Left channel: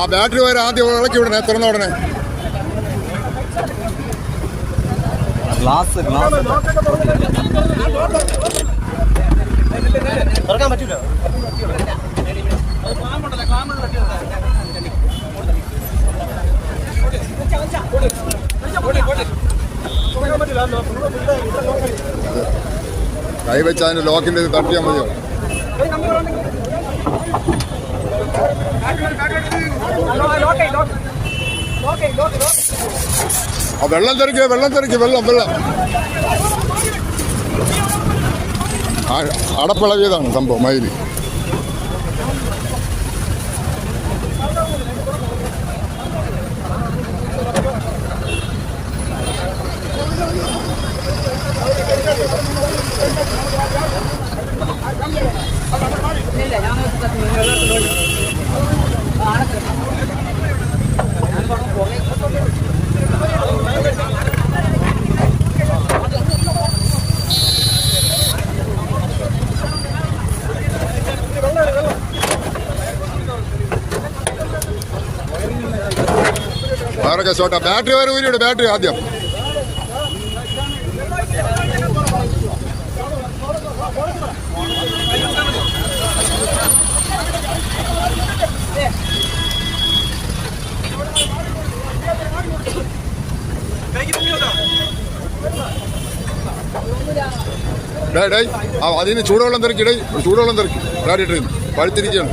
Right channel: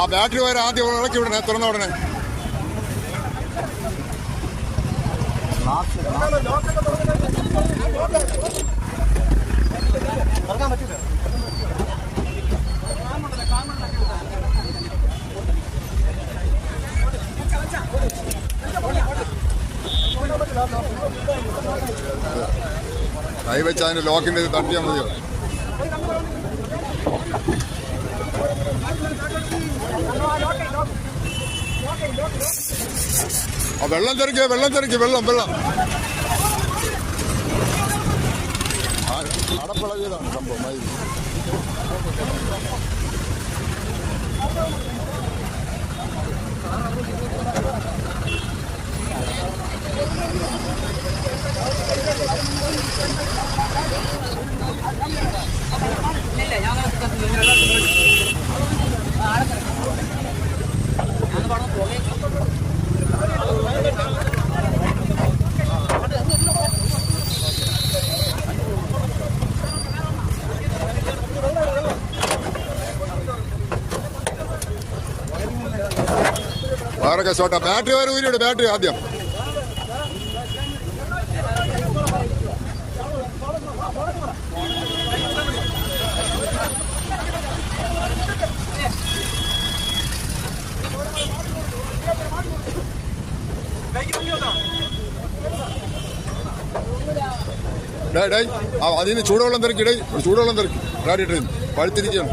ആ ബാറ്ററി വരെ ആദ്യം ഇളക്കി വിടണേ, തുറന്ന ഉടനെ. തുറക്കാൻ പറ്റൂല. കൈ വെച്ച് അതിന് ലോക്കിന്റെ ഇത് തട്ടിയാൽ മതിയോ? വെള്ളം തെറിക്കുക, വെള്ളം തെറിക്കുക, വെള്ളം അടപ്പിളകിയതാണ് സംഭവം. മയില് വേറെ ഷോട്ടാ. ബാറ്ററി വരെ ഊരിയുടെ ബാറ്ററി ആദ്യം. അതിന് ചൂടുവെള്ളം തെറിക്കടേ, ചൂടുവെള്ളം തെറിക്കും. റാഡിയിട്ട് പഴുത്തിരിക്കുകയാണ്.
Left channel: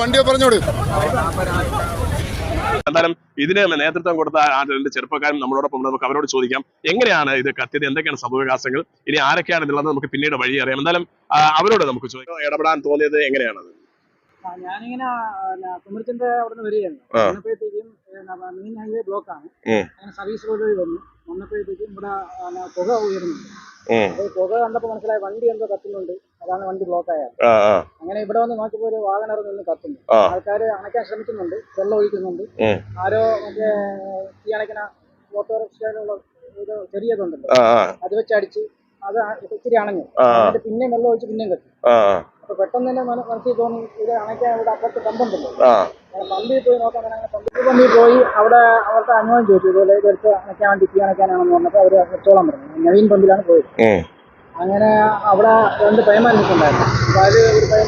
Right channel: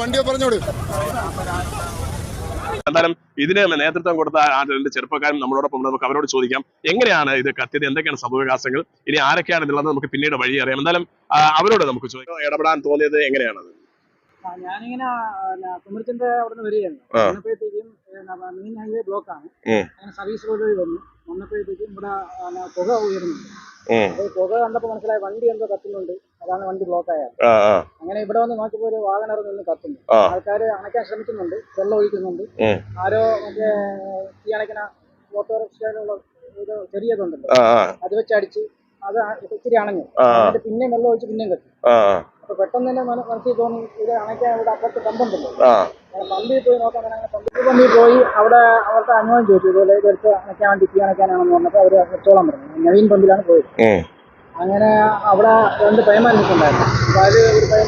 വണ്ടിയെ പറഞ്ഞോട്. എന്തായാലും ഇതിന് നേതൃത്വം കൊടുത്ത ആ രണ്ട് ചെറുപ്പക്കാരും നമ്മളോടൊപ്പം നമുക്ക് അവരോട് ചോദിക്കാം എങ്ങനെയാണ് ഇത് കത്തിയത്, എന്തൊക്കെയാണ് സംഭവവികാസങ്ങൾ, ഇനി ആരൊക്കെയാണ് ഇതുള്ളത് നമുക്ക് പിന്നീട് വഴി അറിയാം. എന്തായാലും അവരോട് നമുക്ക് ചോദിക്കാം ഇടപെടാൻ തോന്നിയത് എങ്ങനെയാണത്. ഞാനിങ്ങനെ കുമരത്തിന്റെ അവിടെ നിന്ന് വരികയാണ്. വന്നപ്പോഴത്തേക്കും മെയിൻ ഹൈവേ ബ്ലോക്കാണ്. അങ്ങനെ സർവീസ് റോഡ് വന്നപ്പോഴത്തേക്കും ഇവിടെ പുക ഉയരുന്നുണ്ട്. പുക കണ്ടപ്പോ മനസ്സിലായി വണ്ടി എന്തോ കത്തുന്നുണ്ട്, അതാണ് വണ്ടി ബ്ലോക്ക് ആയത്. അങ്ങനെ ഇവിടെ വന്ന് നോക്കിയപ്പോ ഒരു വാഗണർ നിന്ന് കത്തുന്നു. ആൾക്കാര് അണയ്ക്കാൻ ശ്രമിക്കുന്നുണ്ട്, വെള്ളം ഒഴിക്കുന്നുണ്ട്. ആരോ മറ്റേ ഈ അണയ്ക്കണ ഓട്ടോറിക്ഷയിലുള്ള ഒരു ചെറിയതുണ്ടല്ലോ, അത് വെച്ചടിച്ച് അത് ഇച്ചിരി അണഞ്ഞു. എന്നിട്ട് പിന്നെയും വെള്ളം ഒഴിച്ച് പിന്നെയും കത്തി. അപ്പൊ പെട്ടെന്ന് തന്നെ മനസ്സിൽ തോന്നി ഇത് അണയ്ക്കാൻ ഇവിടെ അപ്പുറത്ത് പമ്പുണ്ടല്ലോ, പമ്പിൽ പോയി നോക്കാൻ. അങ്ങനെ പമ്പിൽ പോയി അവിടെ അവർക്ക് അനുഭവം ചോദിച്ചു, ഇതുപോലെ ഇതെടുത്ത് അണയ്ക്കാൻ വേണ്ടി തീ അണയ്ക്കാനാണെന്ന് പറഞ്ഞപ്പോൾ അവര് വെച്ചോളാൻ പറഞ്ഞു. നവീൻ പമ്പിലാണ് പോയത്. അങ്ങനെ അവിടെ രണ്ട് പയ്യന്മാർ നിൽക്കുന്നുണ്ടായിരുന്നു. അപ്പൊ അത് ഒരു പയ്യൻ